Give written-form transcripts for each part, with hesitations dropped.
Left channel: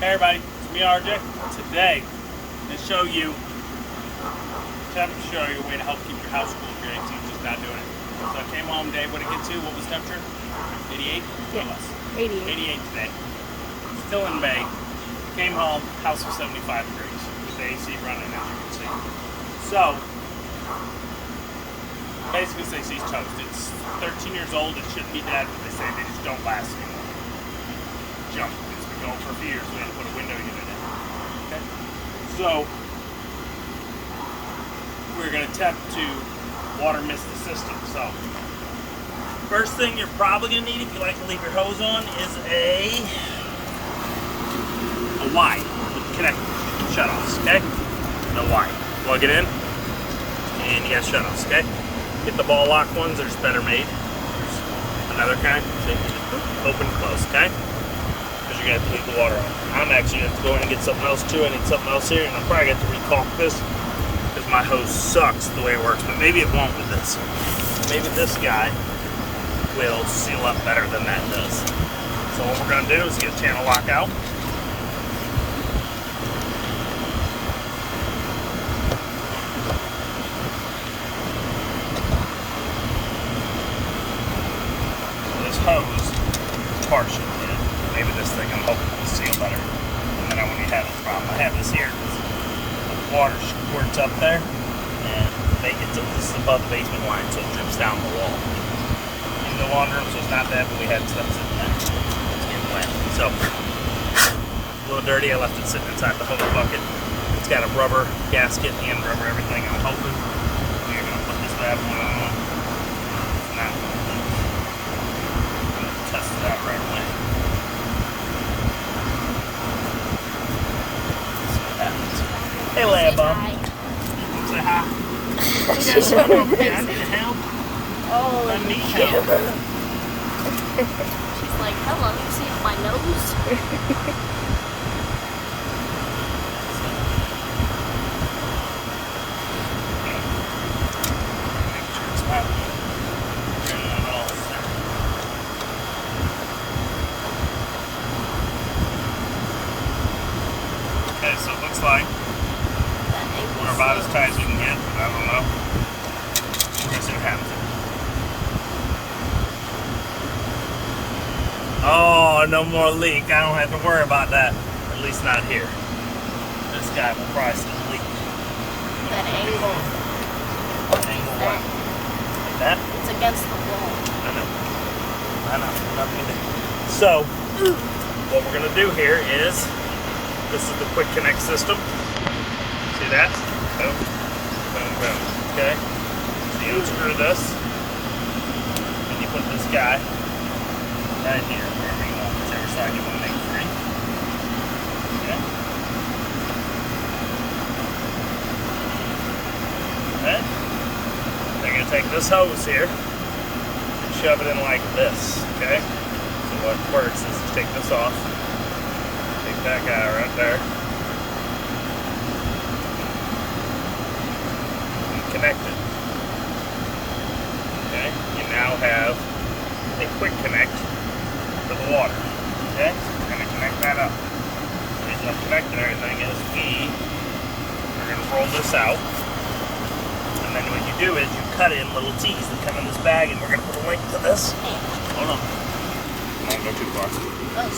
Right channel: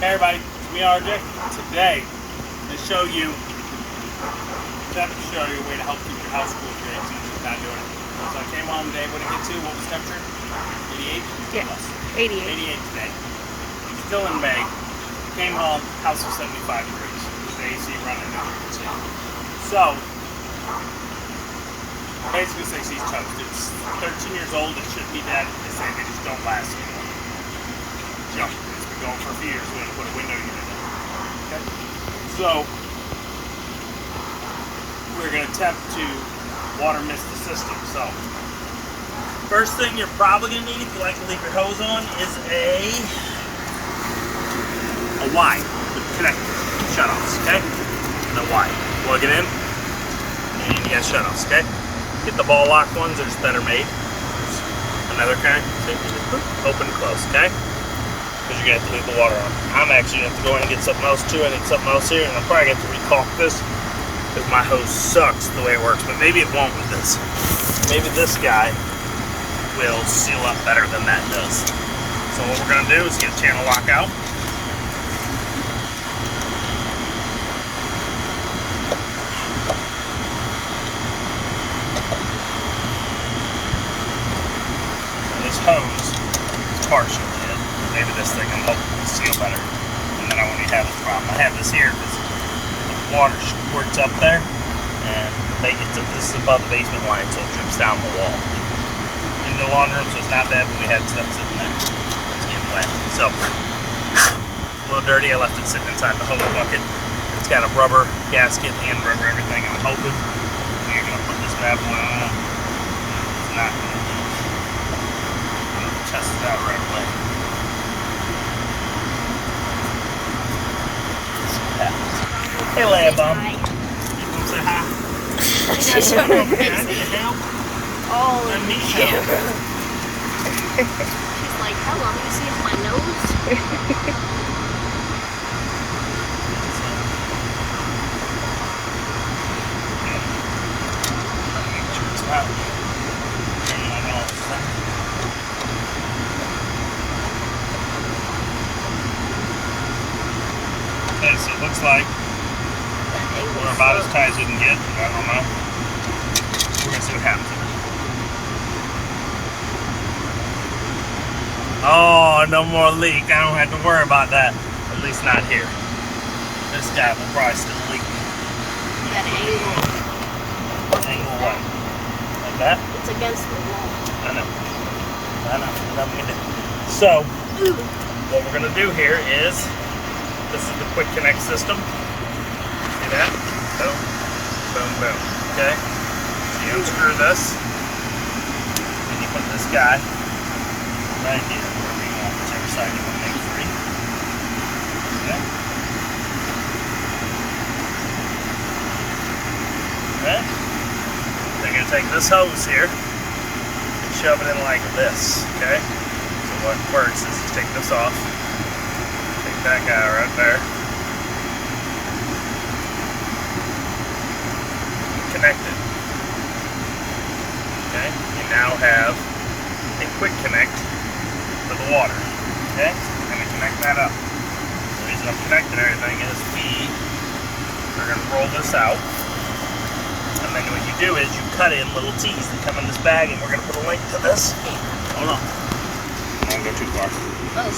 Hey everybody, it's me RJ. Today, I'm going to show you temperature, a way to help keep your house cool if your AC is just not doing it. So I came home today, what did it get to? What was the temperature? 88? Yeah, less. 88. 88 today. Still in May. Came home, house was 75 degrees. With the AC running now, you can see. So, basically this AC's toast. It's 13 years old, it shouldn't be dead. They say they just don't last anymore. Jump. It's been going for a few years. We had to put a window unit in. Okay? So, we're going to attempt to water mist the system. So, first thing you're probably going to need if you like to leave your hose on is a Y with connectors, shutoffs, okay? And a Y. Plug it in, and you got shutoffs, okay? Get the ball lock ones, they're just better made. There's another kind, see? Open and close, okay? Because you're going to have to leave the water on. I'm actually going to have to go in and get something else too. I need something else here, and I'm probably going to have to recaulk this because my hose sucks the way it works, but maybe it won't with this. Maybe this guy will seal up better than that does. So what we're going to do is get channel lock out. This hose is partial. Maybe this thing I'm hoping will seal better. And then I won't even have this problem. I have this here because the water squirts up there. And this is above the basement line, so it drips down the wall. In the laundry room, so it's not bad, but we had stuff sitting there. It's getting wet. So, a little dirty. I left it sitting inside the hose bucket. It's got a rubber gasket and rubber everything. I'm hoping you're going to put this bad boy on. It's not going to test it out right away. Hey, Lambum. You want to say hi? You got something over here. I need help. Oh, let me help. She's like, hold on, you see my nose? Make sure it's not all. Okay, so it looks like we're about as tight as you can get. I don't know. We're gonna see what happens. Oh, no more leak. I don't have to worry about that. At least not here. This guy will probably still leak. That angle. Angle what? Like that? It's against the wall. I know. Nothing we can do. So, what we're gonna do here is, this is the quick connect system. See that? Boom, boom, boom. Okay? So you unscrew this, and you put this guy right here, wherever you want, whichever side you want to make free. Okay? Okay? Then you're going to take this hose here and shove it in like this. Okay? So what works is you take this off, take that guy right there, connect it. Okay? You now have a quick connect to the water. Okay? So we're going to connect that up. The reason I'm connecting everything is we are going to roll this out. And then what you do is you cut in little T's that come in this bag, and we're going to put a link to this. Hold on. I won't go too far.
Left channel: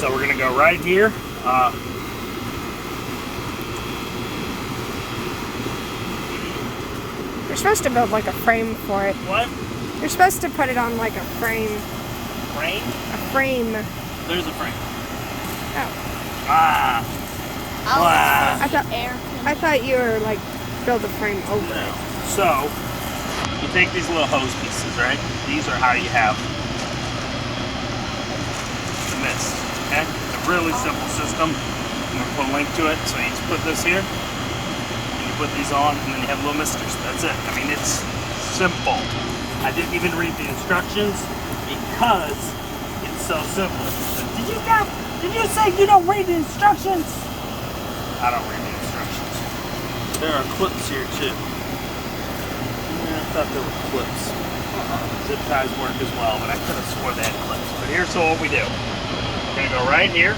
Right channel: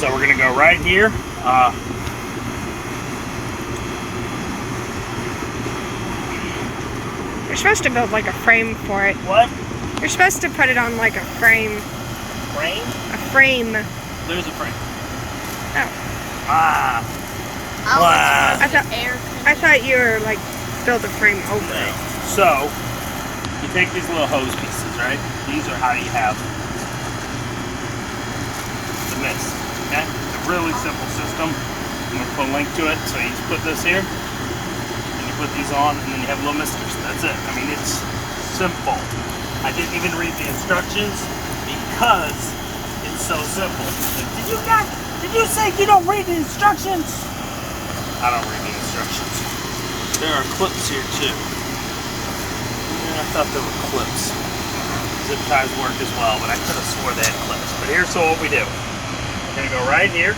So we're going to go right here. You're supposed to build like a frame for it. What? You're supposed to put it on like a frame. Frame? A frame. There's a frame. Oh. Ah. I thought you were like build a frame over it. So, you take these little hose pieces, right? These are how you have the mist, okay? It's a really simple system. I'm going to put a link to it. So you just put this here, and you put these on, and then you have little misters. That's it. I mean, it's simple. I didn't even read the instructions because it's so simple. Did you say you don't read the instructions? I don't read the instructions. There are clips here too. Yeah, I thought there were clips. Zip ties work as well, but I could have swore they had clips. But here's what we do. We're going to go right here.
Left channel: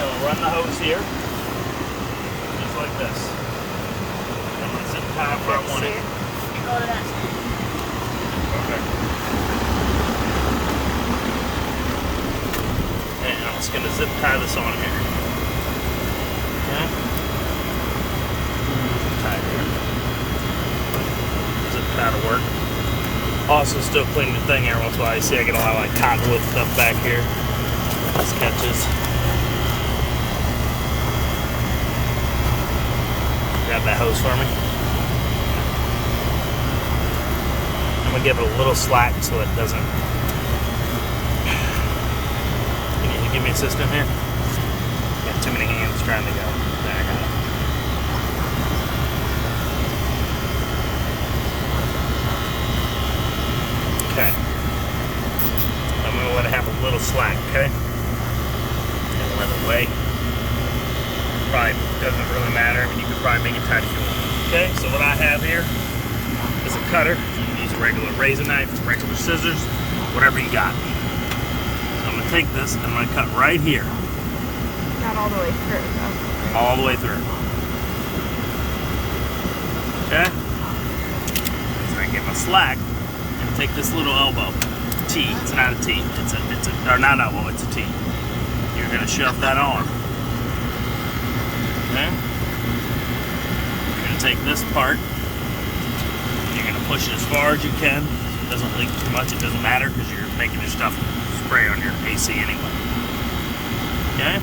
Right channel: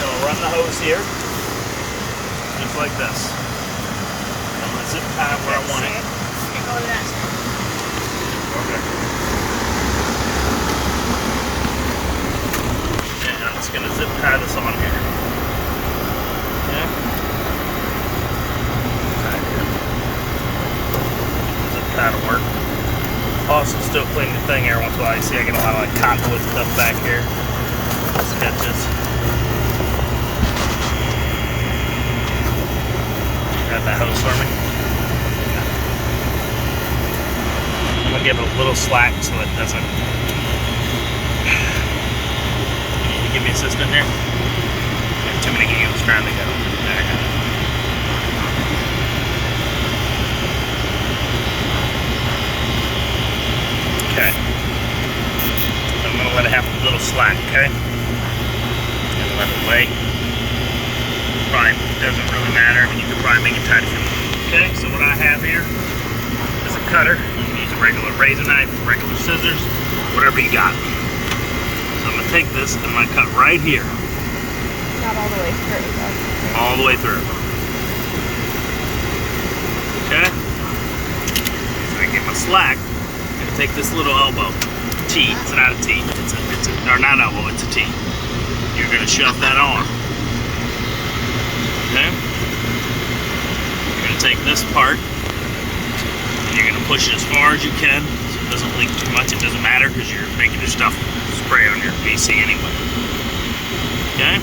I'll run the hose here, just like this. I'm going to zip tie it where I want it. You go to that side. Okay. And I'm just going to zip tie this on here. Okay. Tie here. Zip tie to work. Also still clean the thing every once in a while. You see I get a lot of like cottonwood stuff back here. Sketches. Grab that hose for me. I'm gonna give it a little slack so it doesn't. Can you give me assistant here? Like too many hands trying to go. There. Okay. I'm gonna let it have a little slack, okay? I'm gonna let it lay. Probably doesn't really matter. I mean, you can probably make it tight if you want. Okay, so what I have here is a cutter. You can use a regular razor knife, regular scissors, whatever you got. So I'm gonna take this and I'm gonna cut right here. Not all the way through, though. All the way through. Okay? So I get my slack. I'm gonna take this little elbow. T. It's not a T. It's a or not elbow. It's a T. You're gonna shove that on. Okay? You're gonna take this part. And you're gonna push it as far as you can, so it doesn't leak too much. It doesn't matter because you're making your stuff spray on your AC anyway. Okay?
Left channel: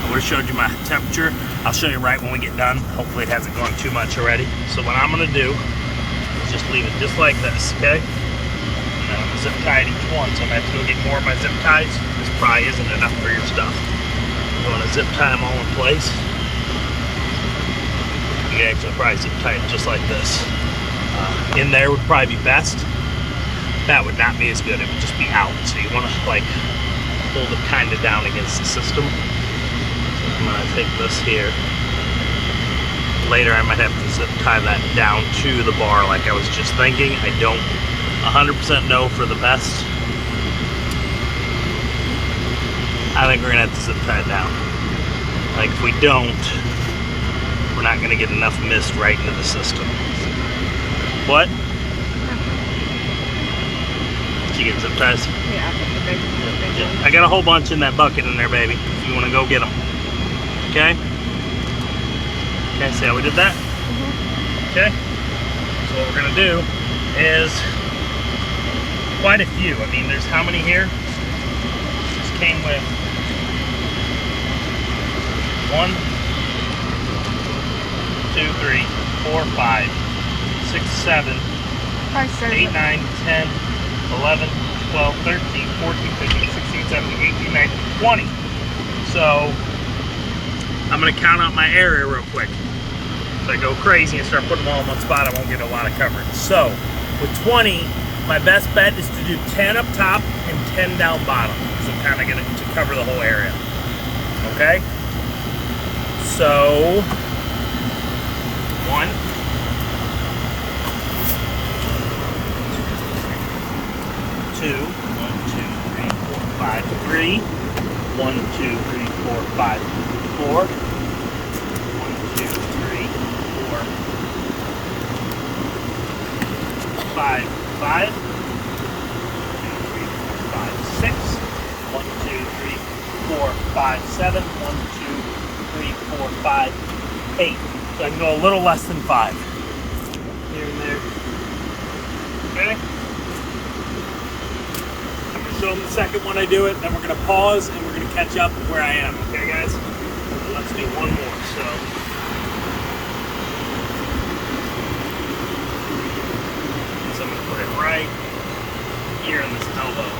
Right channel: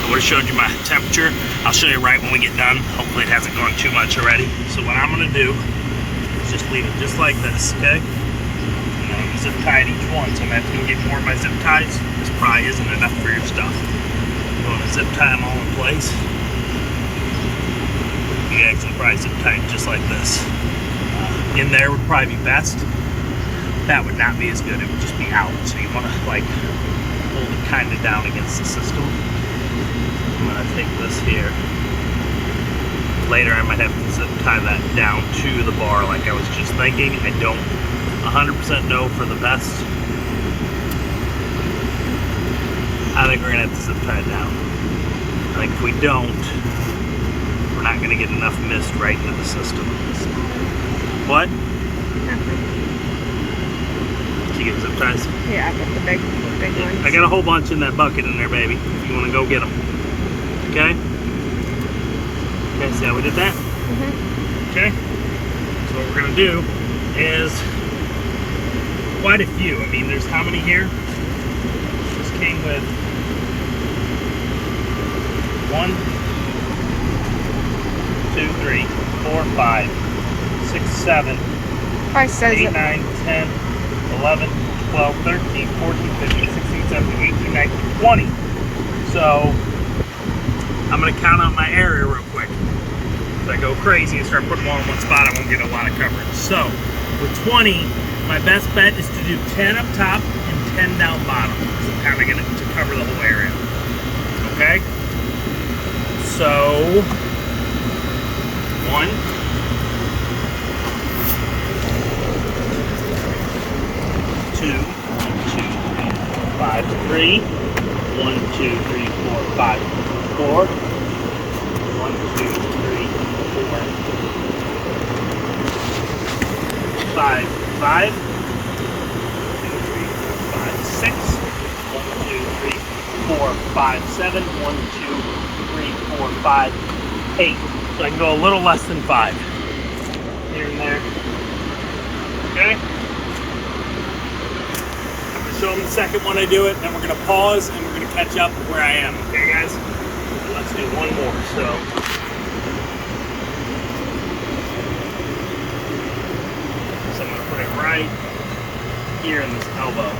I would have showed you my temperature. I'll show you right when we get done. Hopefully it hasn't gone too much already. So what I'm gonna do is just leave it just like this, okay? And I'm gonna zip tie each one, so I'm actually gonna get more of my zip ties. This probably isn't enough for your stuff. You want to zip tie them all in place. You can actually probably zip tie it just like this. In there would probably be best. That would not be as good. It would just be out. So you want to like hold it kind of down against the system. I'm going to take this here. Later I might have to zip tie that down to the bar like I was just thinking. I don't 100% know for the best. I think we're gonna have to zip tie it down. Like if we don't, we're not gonna get enough mist right into the system. What? Did you get zip ties? Yeah, I put the big ones. I got a whole bunch in that bucket in there, baby. If you wanna go get them. Okay? Okay, see how we did that? Mm-hmm. Okay? So what we're gonna do is quite a few. I mean, there's how many here? This came with 1, 2, 3, 4, 5, 6, 7, Probably says 8, it. 9, 10, 11, 12, 13, 14, 15, 16, 17, 18, 19, 20. So I'm going to count out my area real quick. If I go crazy and start putting them all in one spot, I won't get a lot of coverage. So with 20, my best bet is to do 10 up top and 10 down bottom. So I'm kind of going to cover the whole area. Okay? So 1, 2, 5, 3, 1, 2, 3, 4, 5, 4, 1, 2, 3, 4, 5, 5, 6, 1, 2, 3, 4, 5, 7, 1, 2, 3, 4, 5, 8. So I can go a little less than 5. Here and there. Okay? I'm going to show them the second one I do it, then we're going to pause and we're going to catch up where I am. Okay, guys? And let's do one more. So I'm going to put it right here in this elbow.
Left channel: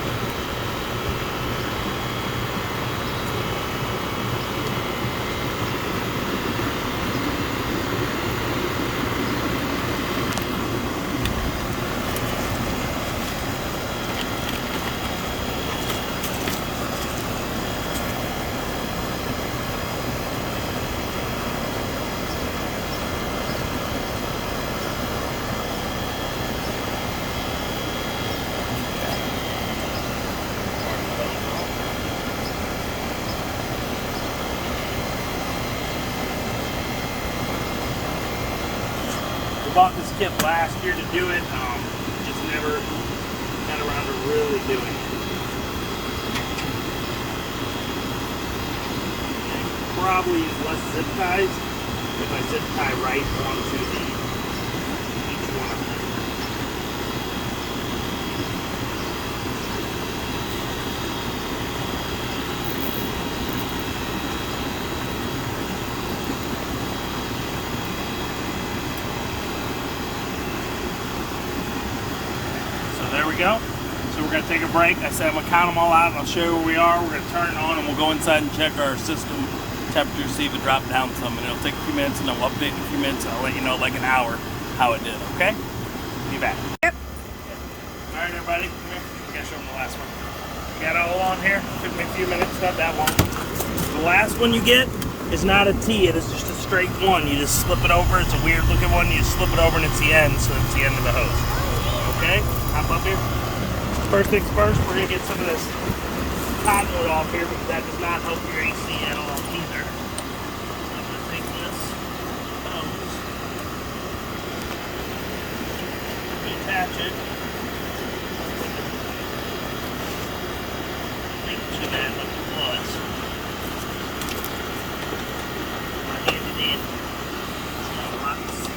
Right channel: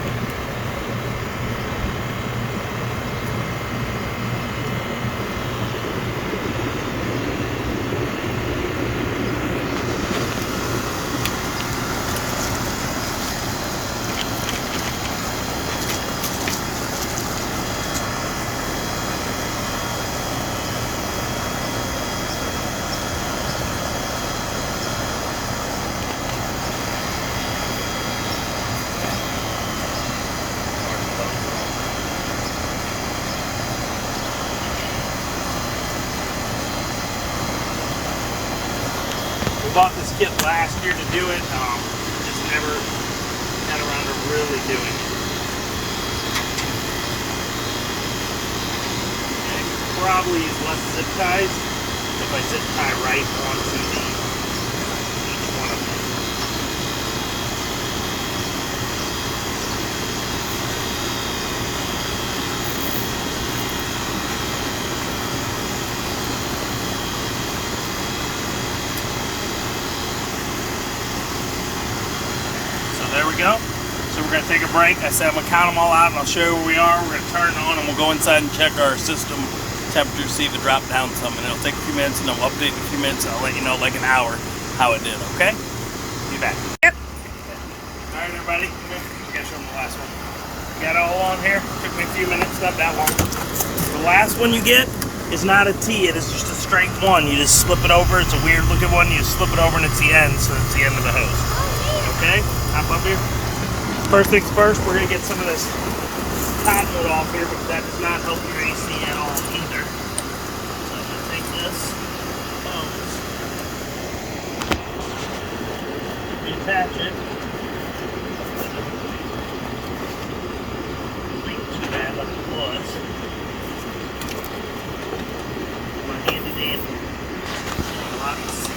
bought this kit last year to do it. Just never got around to really doing it. And it probably is less zip ties if I zip tie right onto each one of them. There we go. So we're going to take a break. I said I'm going to count them all out and I'll show you where we are. We're going to turn it on and we'll go inside and check our system temperature, see if it dropped down some. And it'll take a few minutes and then we'll update in a few minutes and I'll let you know like an hour how it did, okay? Be back. Yep. All right, everybody. Come here. We got to show them the last one. Got it all on here. Took me a few minutes, not that long. The last one you get is not a T. It is just a straight one. You just slip it over. It's a weird looking one. You just slip it over and it's the end, so it's the end of the hose. Okay, hop up here. First things first, we're going to get some of this cotton off here because that does not help your AC at all either. So I'm going to take this hose, reattach it. Not too bad like it was. My handy dandy. Lots.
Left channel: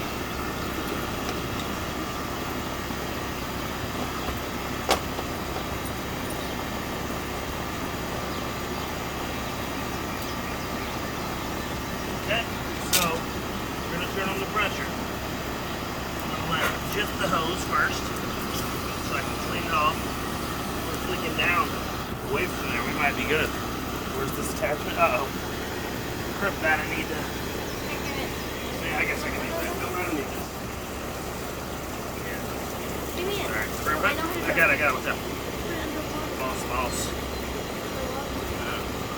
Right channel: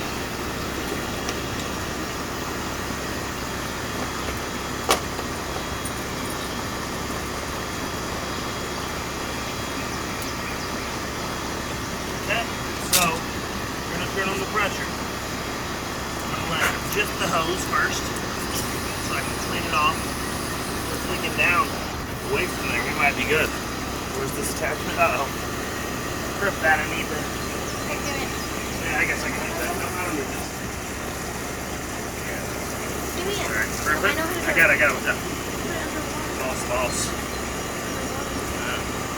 Turn on the pressure. I'm going to let just the hose first so I can clean it off. We're tweaking down away from there. We might be good. Where's this attachment? Uh-oh. Grip that. I need that. Yeah, I guess I can do that. No, I don't need this. Alright, scrimp it. I got it. What's up? False.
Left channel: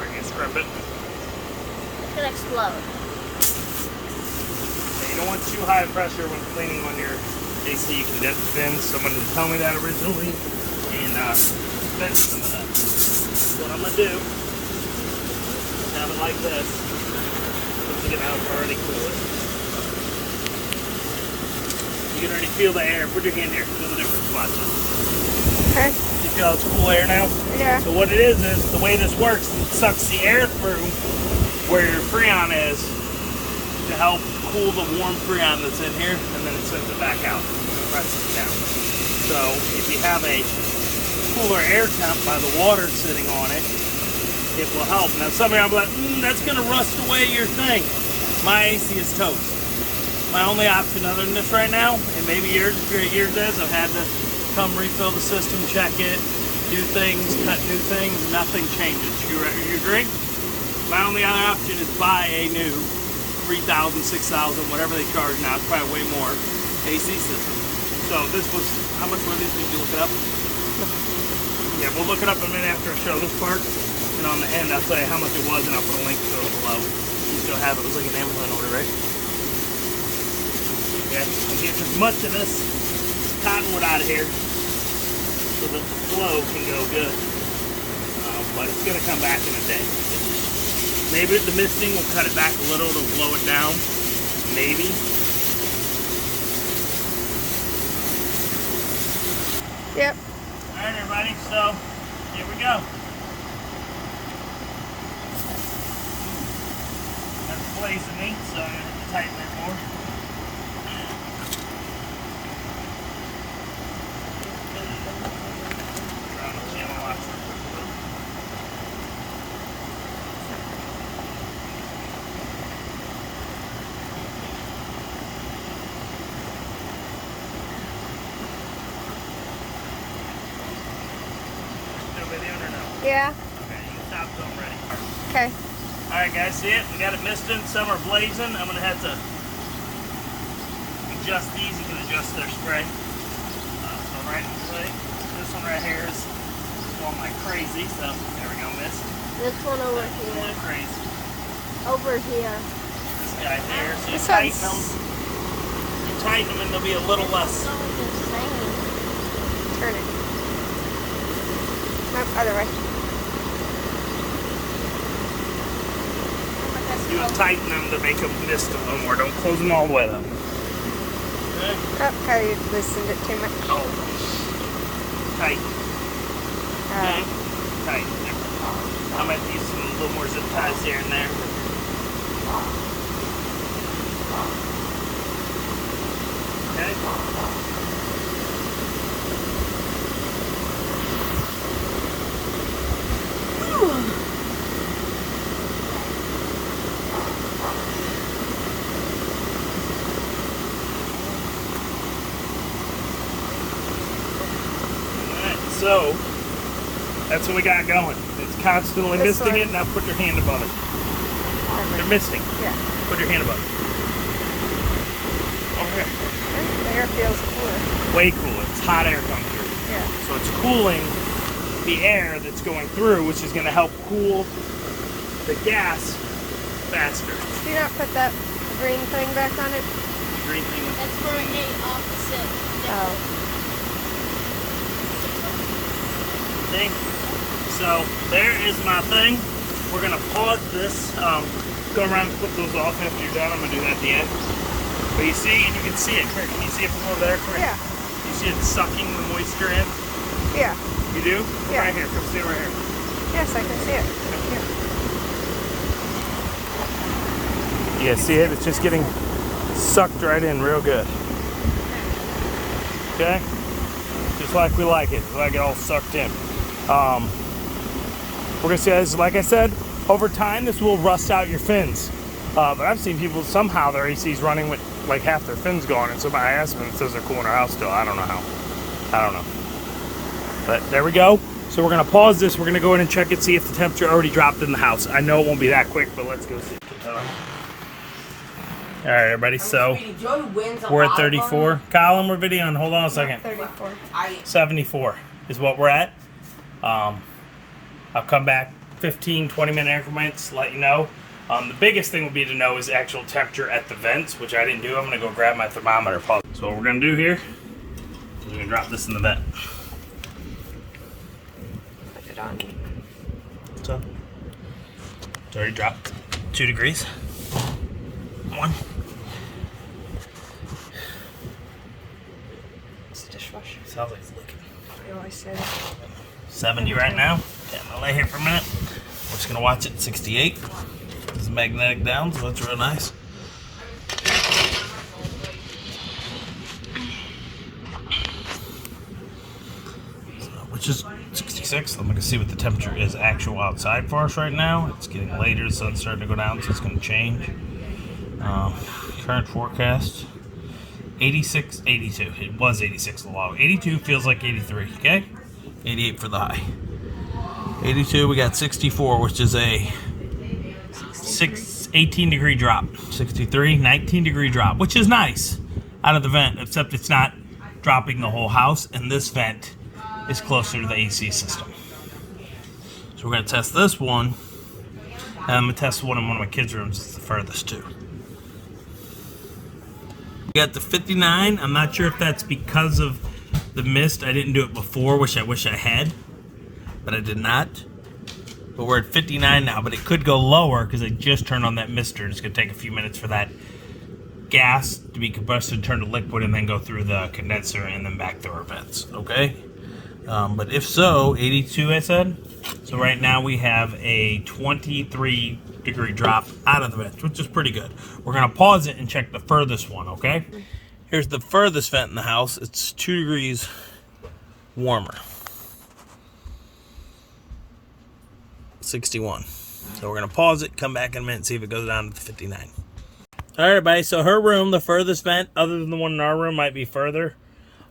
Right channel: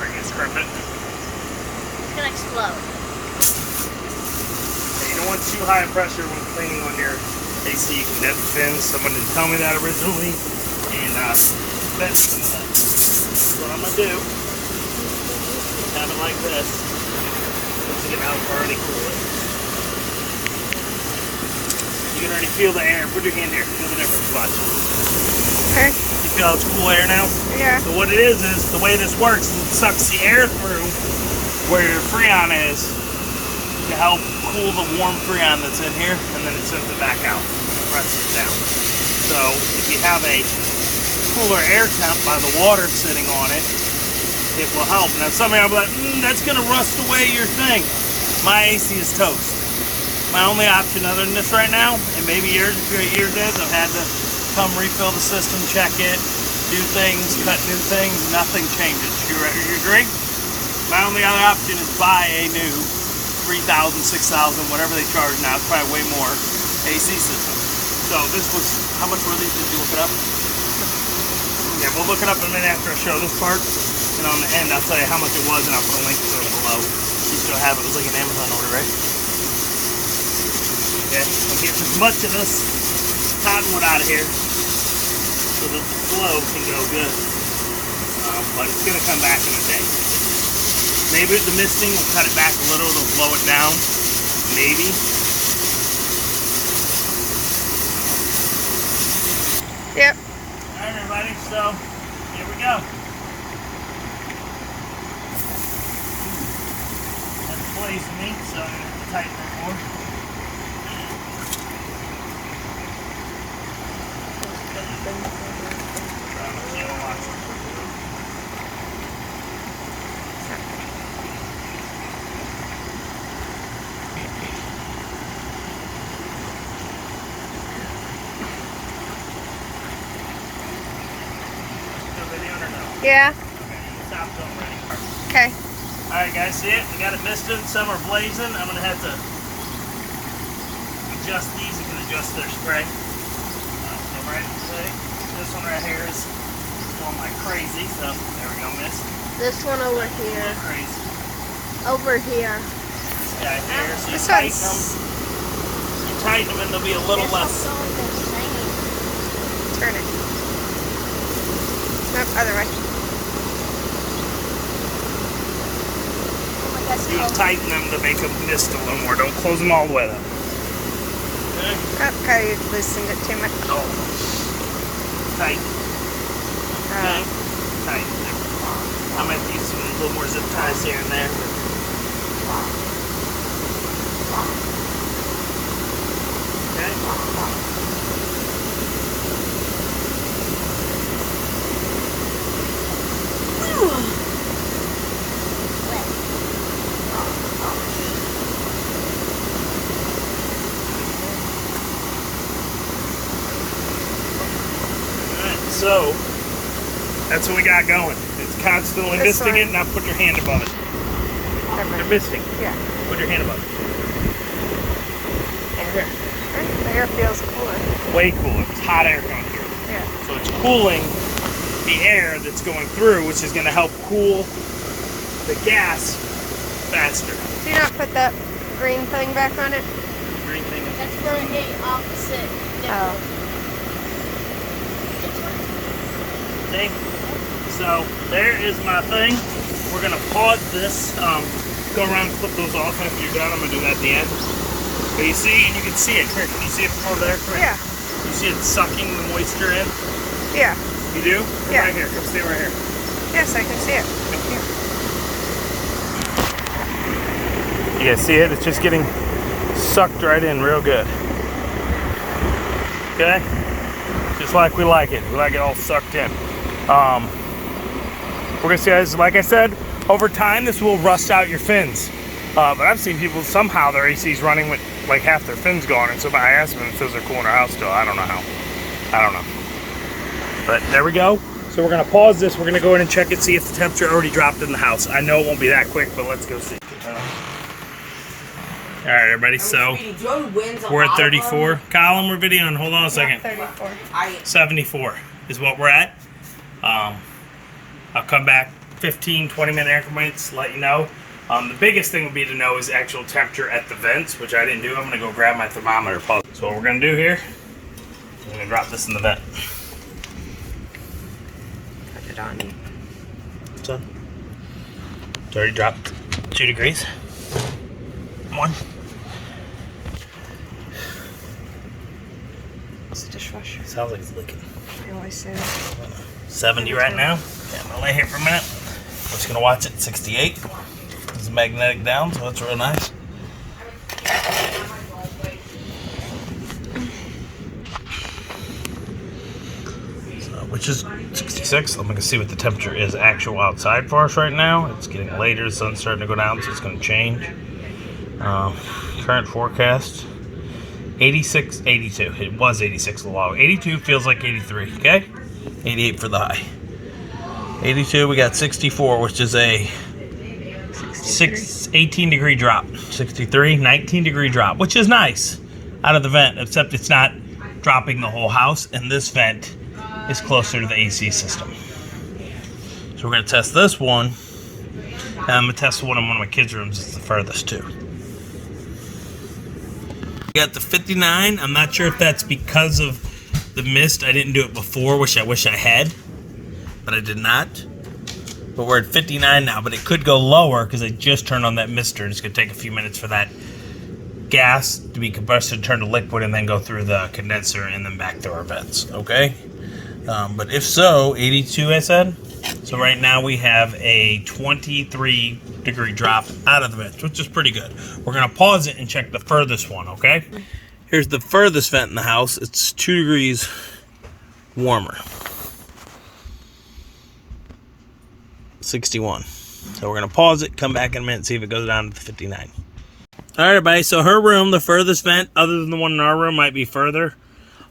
Are you going to scrimp it? It's gonna explode. You don't want too high pressure when cleaning on your AC. You can dip the fins. Someone didn't tell me that originally, and bend some of that. So what I'm gonna do is have it like this. Once you get out, already cool it. You can already feel the air. Put your hand here. Feel the difference. Watch. Okay. You feel it's cool air now? Yeah. So what it is the way this works is it sucks the air through where your Freon is to help cool the warm Freon that's in here, and then it sends it back out, presses it down. So if you have a cooler air temp by the water sitting on it, it will help. Now some of you will be like, that's going to rust away your thing. My AC is toast. My only option other than this right now, and maybe yours is, I've had to come refill the system, check it, do things, cut new things, nothing changes. You agree? My only other option is buy a new 3,000, 6,000, whatever they charge now. It's probably way more AC system. So this was, how much were these? Did you look it up? Yeah, we'll look it up in a minute after I show this part. And on the end, I'll tell you how much it was, and I'll put a link to it below. You still have it. It was like an Amazon order, right? Okay, I'm getting as much of this cottonwood out of here so the flow can go good. But it's going to come back in a day. Maybe the misting will cut it back a little, it'll blow it down. Maybe. Yep. Alright everybody, so here we go. That's blazing me, so I'm going to have to tighten that more. Yeah. Okay, you can stop till I'm ready. Okay. Alright guys, see it? We got it misting, some are blazing. I'm going to have to adjust these. You can adjust their spray. So right, see? This one right here is going like crazy. So there we go, mist. This one over A here. little crazy. Over here. This guy here. So you This tighten one's- them. You tighten them and they'll be a little less. Turn it. Nope, other way. You tighten them to make them mist a little more. Don't close them all the way though. Oh, Cody loosened it too much. Oh. Tight. Oh. Tight. I might use a little more zip ties here and there. So, that's what we got going. It's constantly This misting one. it. Now put your hand above it. Never. You're misting. Yeah. Put your hand above it. Over here. The air feels cooler. Way cooler. It's hot air coming through. Yeah. So it's cooling the air that's going through, which is going to help cool the gas faster. Do you not put that green thing back on it? The green thing is... That's for the opposite. Oh. Okay. So there is my thing. We're gonna pause this. Go around and flip those off after you're done. I'm gonna do that at the end. But you see, and you can see it. Here, can you see it from over there? Come here. Yeah. You see it sucking the moisture in? Yeah. You do? Come Yeah. right here. Come stay right here. Yes, I can see it. Come here. You guys see it? It's just getting sucked right in real good. Okay? Just like we like it. We like it all sucked in. We're gonna see, as like I said, over time this will rust out your fins. But I've seen people somehow their AC's running with like half their fins gone, and somebody asked them and it says they're cool in their house still. I don't know how. I don't know. But there we go. So we're gonna pause this. We're gonna go in and check it, see if the temperature already dropped in the house. I know it won't be that quick, but let's go see. All right, everybody. So we're at 34. Colin, we're videoing. Hold on a second. 34. 74 is what we're at. I'll come back 15, 20-minute increments, let you know. The biggest thing would be to know is actual temperature at the vents, which I didn't do. I'm going to go grab my thermometer. So what we're going to do here, we're going to drop this in the vent. Put it on. So, it's already dropped 2 degrees. 1. It's a dishwasher. Sounds like it's leaking. I always say that. 70 right now. Okay, I'm gonna lay here for a minute. We're just gonna watch it. 68. It's magnetic down, so that's real nice. So, which is 66. I'm gonna see what the temperature is actual outside for us right now. It's getting later. The sun's starting to go down, so it's gonna change. Current forecast. 86, 82. It was 86 a while. 82 feels like 83, okay? 88 for the high. 82, we got 64, which is a 18 degree drop. 63, 19 degree drop, which is nice out of the vent, except it's not dropping the whole house, and this vent is closer to the AC system. So we're gonna test this one, and I'm gonna test one in one of my kids' rooms. It's the furthest too. Got the 59. I'm not sure if that's because of the mist. I didn't do it before, which I wish I had, but I did not. But we're at 59 now, but it could go lower because I just turned on that mister, and it's going to take a few minutes for that gas to be compressed and turn to liquid and then go through the condenser and then back through our vents, okay? But if so, 82 I said. So right now we have a 23 degree drop out of the vent, which is pretty good. We're gonna pause it and check the furthest one, okay? Here's the furthest vent in the house. It's 2 degrees warmer. 61. So we're gonna pause it, come back in a minute, see if it goes down to 59. All right, everybody, so her room, the furthest vent, other than the one in our room, might be further,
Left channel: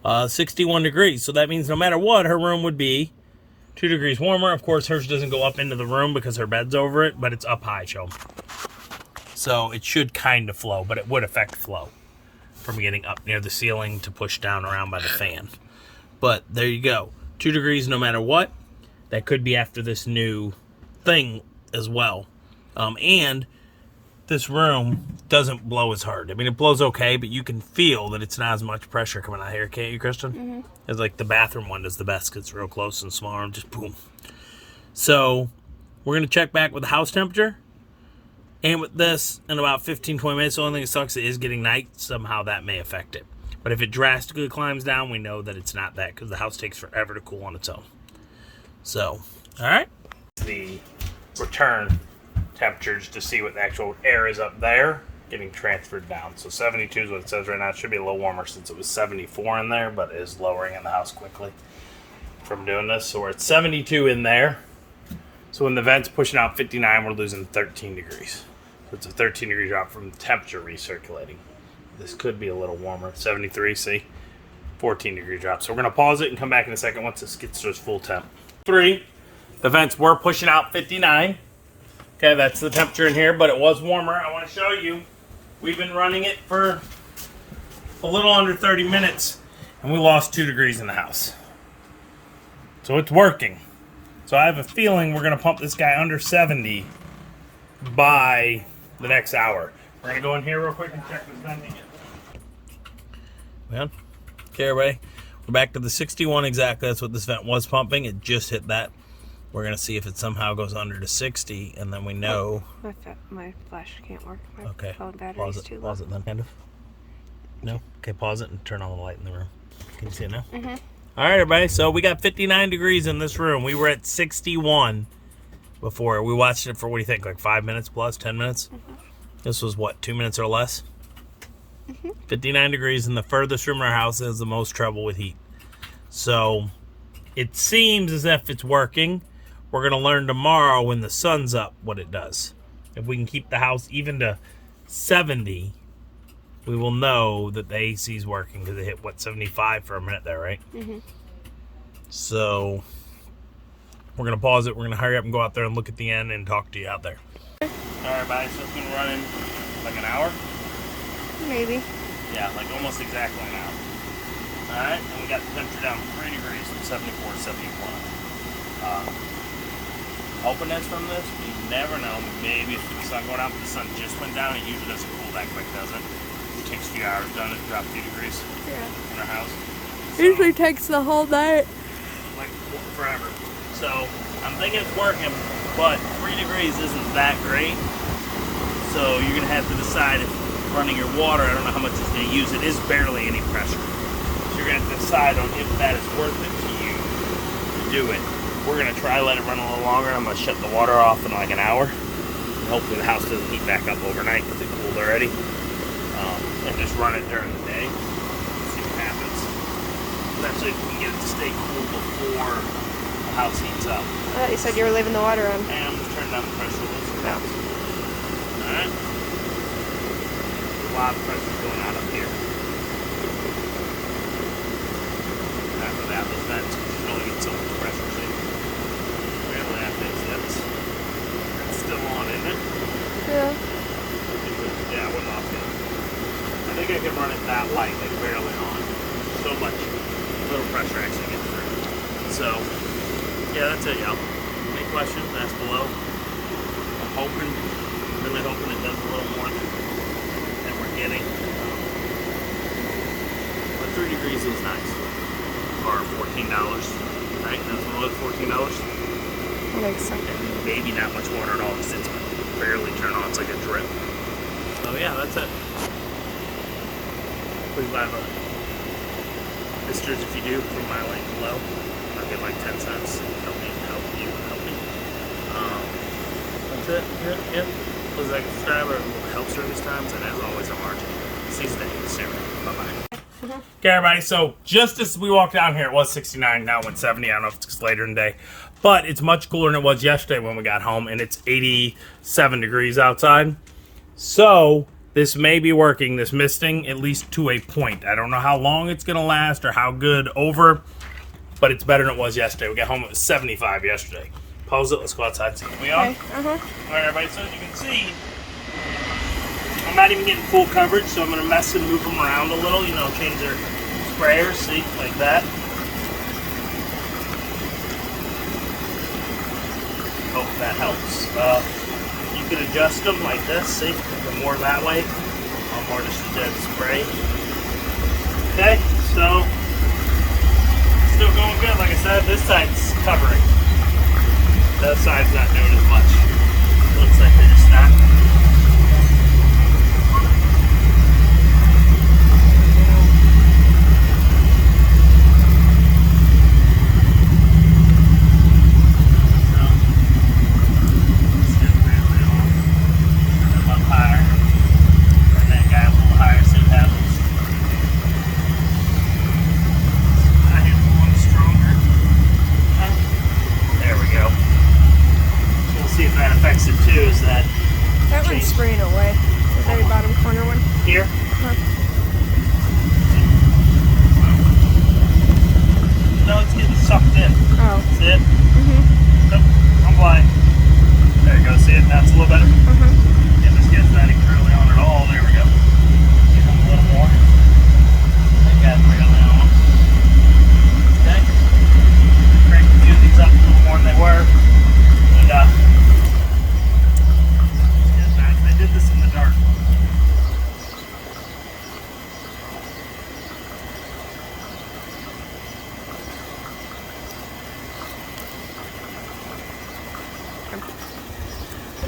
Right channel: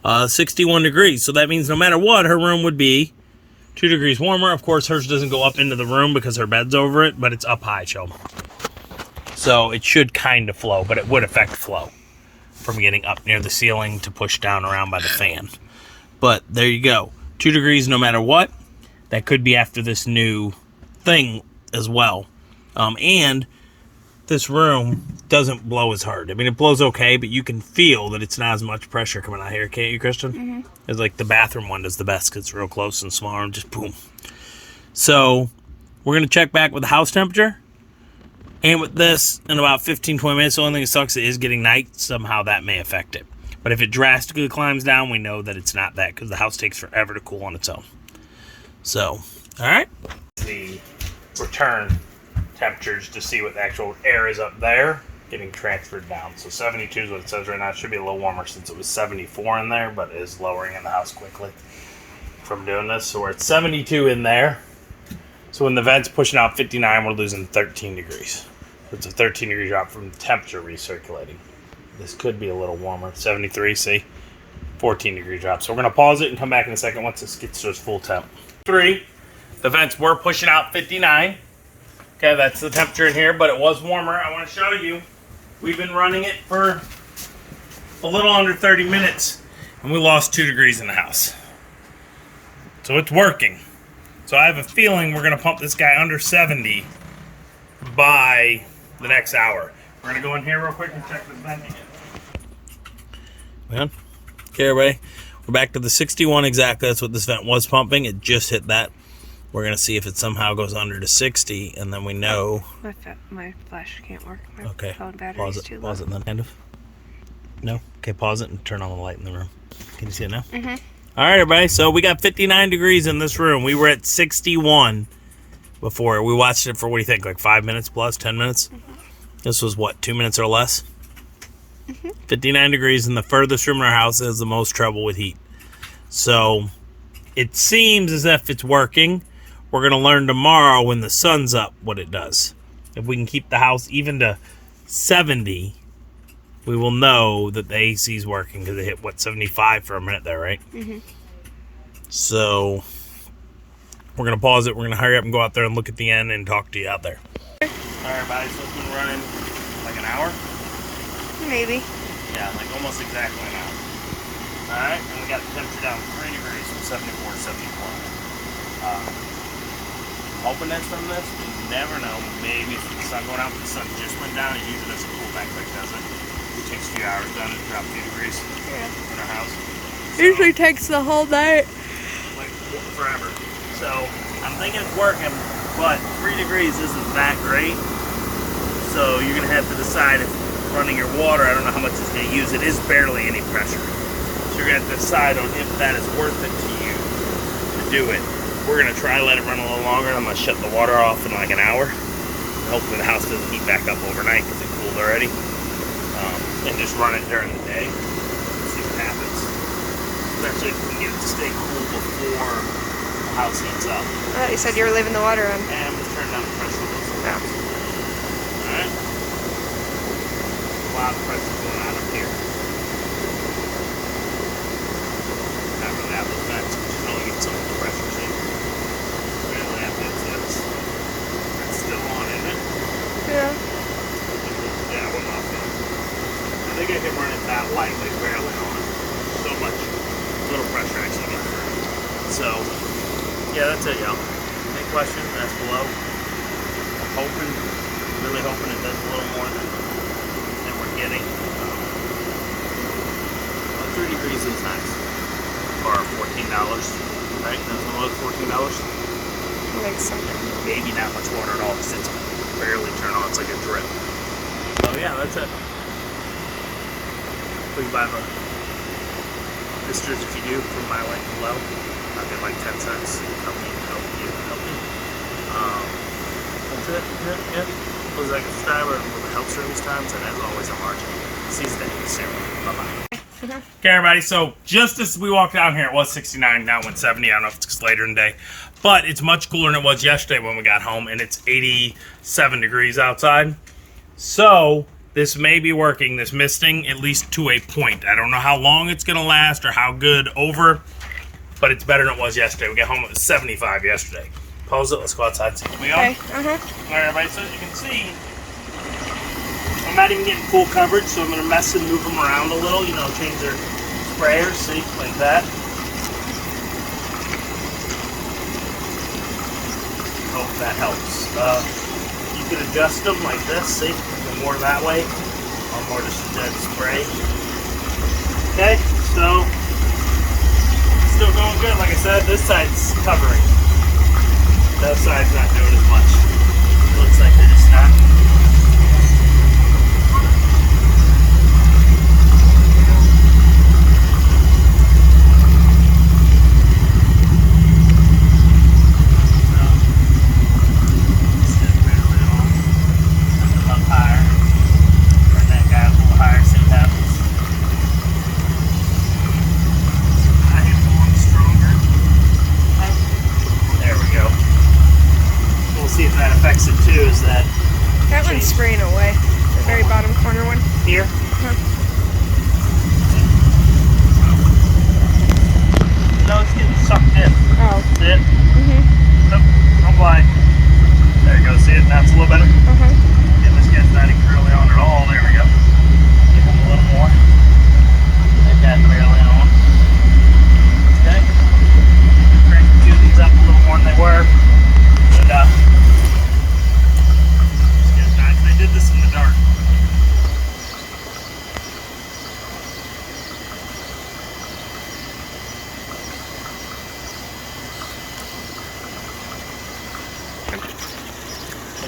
61 degrees. So that means no matter what, her room would be 2 degrees warmer. Of course, hers doesn't go up into the room because her bed's over it, but it's up high, so it should kind of flow, but it would affect flow from getting up near the ceiling to push down around by the fan. But there you go. 2 degrees no matter what. That could be after this new thing as well. And this room doesn't blow as hard. I mean, it blows okay, but you can feel that it's not as much pressure coming out here, can't you, Kristen? Mm-hmm. It's like the bathroom one does the best because it's real close and small and just boom. So we're going to check back with the house temperature and with this in about 15-20 minutes. The only thing that sucks is getting night. Somehow that may affect it. But if it drastically climbs down, we know that it's not that, because the house takes forever to cool on its own. So, all right. The return temperatures to see what the actual air is up there getting transferred down. So 72 is what it says right now. It should be a little warmer since it was 74 in there, but it is lowering in the house quickly from doing this. So we're at 72 in there. So when the vent's pushing out 59, we're losing 13 degrees. So it's a 13 degree drop from temperature recirculating. This could be a little warmer. 73, see? 14 degree drop. So we're going to pause it and come back in a second once this gets to its full temp. 3, the vents were pushing out 59. Okay, that's the temperature in here, but it was warmer. I want to show you. We've been running it for a little under 30 minutes, and we lost 2 degrees in the house. So it's working. So I have a feeling we're going to pump this guy under 70 by the next hour. We're going to go in here real quick and check the vent again. Well, okay, everybody. We're back to the 61 exactly. That's what this vent was pumping. It just hit that. We're going to see if it somehow goes under to 60, and then we know. My flash can't work. My Okay. phone battery's too low. Pause it then, kind of. No? Okay, pause it and turn on the light in the room. Can you see it now? Mm-hmm. All right, everybody. So we got 59 degrees in this room. We were at 61 before. We watched it for, what do you think, like 5 minutes plus, 10 minutes? Mm-hmm. This was, what, 2 minutes or less? Mm-hmm. 59 degrees, and the furthest room in our house has the most trouble with heat. So it seems as if it's working. We're going to learn tomorrow when the sun's up what it does. If we can keep the house even to 70, we will know that the AC is working, because it hit, what, 75 for a minute there, right? Mm-hmm. So we're going to pause it. We're going to hurry up and go out there and look at the end and talk to you out there. All right, everybody. So it's been running like an hour? Maybe. Yeah, like almost exactly an hour. All right, and we got the temperature down 3 degrees from 74 to 71. Openness from this, you never know. Maybe if the sun going out, but the sun just went down, it usually doesn't cool back quick, does it? It takes 2 hours done to drop 2 degrees in our house. So, Usually takes the whole night. like forever. So I'm thinking it's working, but 3 degrees isn't that great. So you're gonna have to decide if running your water, I don't know how much it's gonna use. It is barely any pressure. So you're gonna have to decide on if that is worth it to you to do it. We're going to try to let it run a little longer. I'm going to shut the water off in like an hour. Hopefully the house doesn't heat back up overnight because it cooled already. And just run it during the day. See what happens. Especially if we can get it to stay cool before the house heats up. I thought you said you were leaving the water on. And let's turn down the pressure a little. No. Alright. A lot of pressure going out up here. Not really out those vents, because you can only get so much pressure. It's still on, isn't it? Yeah. Yeah, it went off it. I think I can run it that light, like barely on. So much little pressure actually getting through. So, yeah, that's it, y'all. Any questions? Ask below. I'm hoping, really hoping it does a little more than we're getting. But 3 degrees is nice. For $14, right? That's what it was, $14. I think so. Maybe not much water at all, because it's barely turned on. It's like a drip. So yeah, that's it. Please buy the pictures if you do from my link below. I'll get like 10 cents. Help me. That's it. Yeah. Please like and subscribe, or it helps during these times. And as always, I'm Archie. See you soon. Bye-bye. Okay, everybody, so just as we walked down here, it was 69, now it went 70. I don't know if it's later in the day, but it's much cooler than it was yesterday when we got home, and it's 87 degrees outside. So this may be working, this misting, at least to a point. I don't know how long it's going to last or how good over, but it's better than it was yesterday. We got home, it was 75 yesterday. Pause it, let's go outside and see what we are. Okay, All right, everybody, so as you can see, I'm not even getting full coverage, so I'm going to mess and move them around a little, change their sprayers, see, like that. Hope that helps. You can adjust them like this, see, more that way, or more just a dead spray. Okay, so, still going good. Like I said, this side's covering. The other side's not doing as much. It looks like they're just not. one's spraying away. The very bottom corner one. Here. Uh-huh. No, it's getting sucked in. Oh. See it? Mm-hmm. Nope, I'm blind. There you go. See it? Now it's a little better. Uh-huh. Get this guy's not even curly on at all. There we go. Give him a little more. That guy's barely on. Okay. Crank a few of these up a little more than they were. And this guy's nice. They did this in the dark.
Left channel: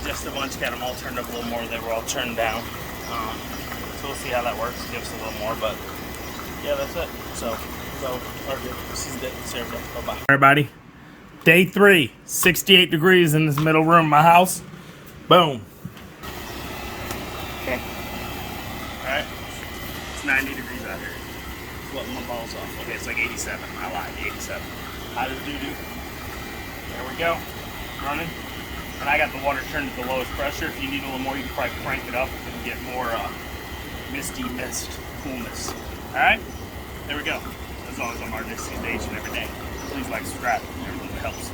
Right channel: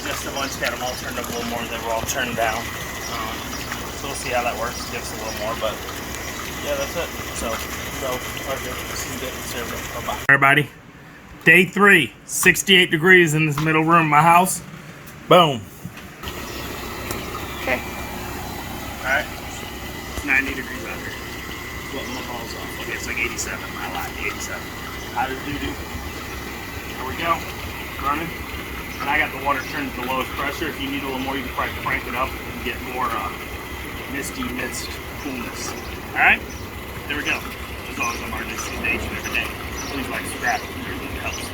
Just once got them all turned up a little more, they were all turned down. So we'll see how that works. Give us a little more, but yeah, that's it. So this is good. Bye bye. Everybody, day 3, 68 degrees in this middle room of my house. Boom. Okay. All right, it's 90 degrees out here. Floating my balls off. Okay, it's like 87. I lied, 87. Hot as doo-doo. There we go. Running. And I got the water turned to the lowest pressure. If you need a little more, you can probably crank it up and get more misty mist coolness. Alright? There we go. As always, I'm RJ, every day. Please like, subscribe. Everything helps.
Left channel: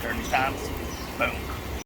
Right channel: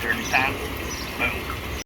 Dirty times. Boom.